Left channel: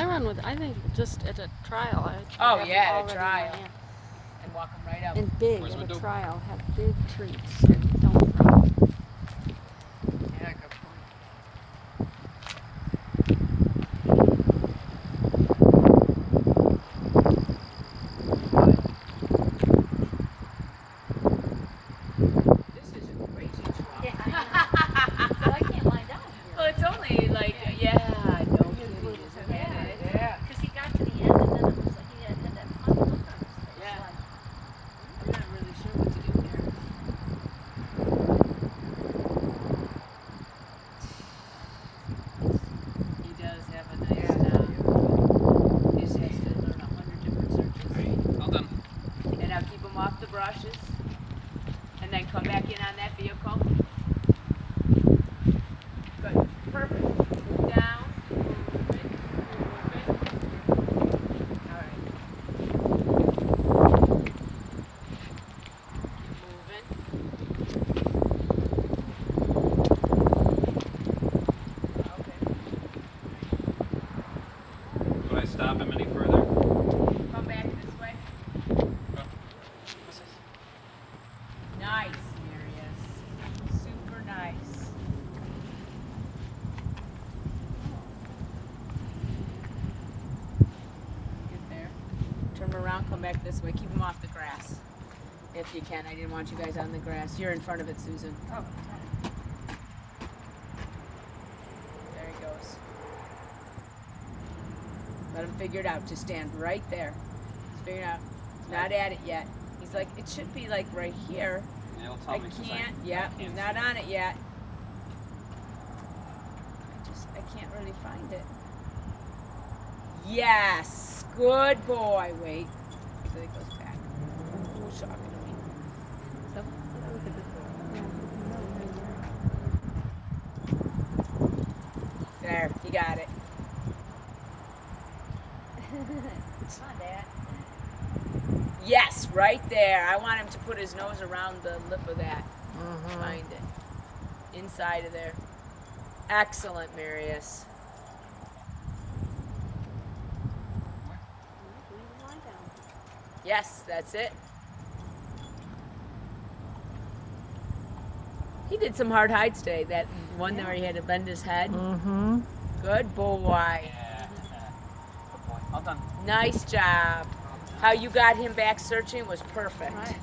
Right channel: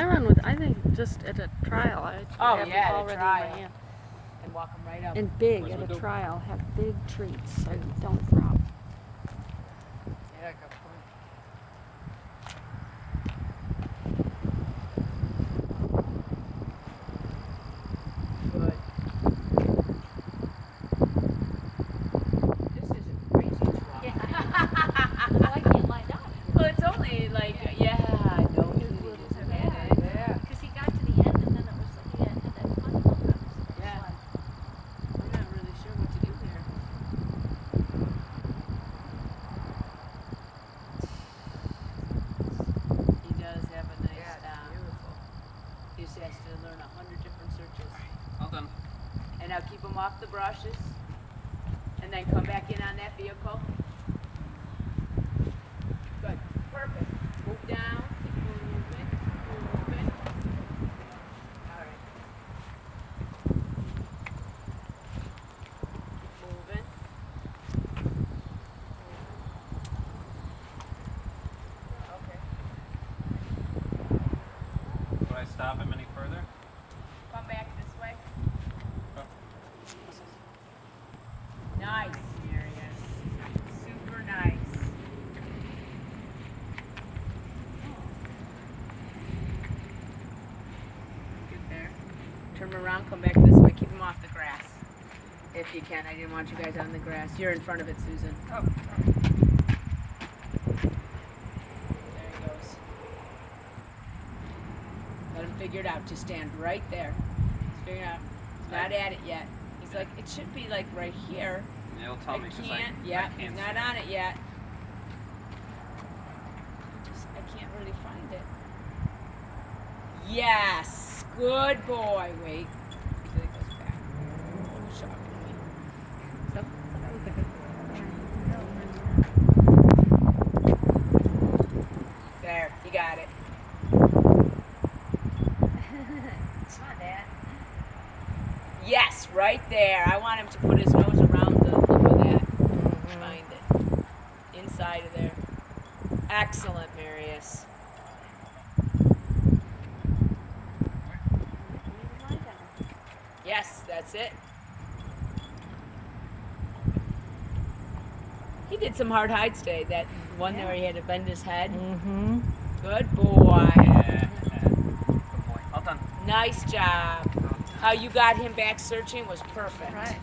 I run with, I think just at a trial. I actually Oh, have them yeah, at a already in my trial. hand. And walk them right up. And big Where's at my a dope? trial. Have big treats and don't throw. Yeah, good point. This is a crazy trial. Well, I can't lie down. Well, it's only like, yeah, no kidding, isn't it? Yeah. Because he got to the end and then it was like he had that money. Yeah. I'm not really sure what to do here. He does have a nice, he just has to learn 100 different searches. All done. And now keep him off the brushes. And then come back in on that vehicle. Good. Perfect. Move down. Movement. Alright. Keep moving. Okay. Do I stop him any further? Come back this way. Oh. Nice, Sirius. Super nice. Get there. Turn around, come back this way. Keep him off the grass. If you can. I didn't want you guys on the grass. You're in front of it, Susan. Oh. There he goes. Let him figure it out. Just stand right there. Just figure it out. He's not at it yet. He's like, it should be like right here. He'll tell me because I Yeah, can't he's see not it. on it yet. I can't really find it. Yes, good boy. Wait, until it goes back. Who's talking to me? That was a good There, you got it. Come on, Dad. Yes, right there. I want him to put his nose around the lip of that. Find it. Inside of there. Excellent, Marius. Yes, that's it. He did some hard hides today. That one where he had to bend his head. Mm-hmm. Good boy. Yeah. Good boy. All done. Nice job. How you got him back searching was perfect. Right.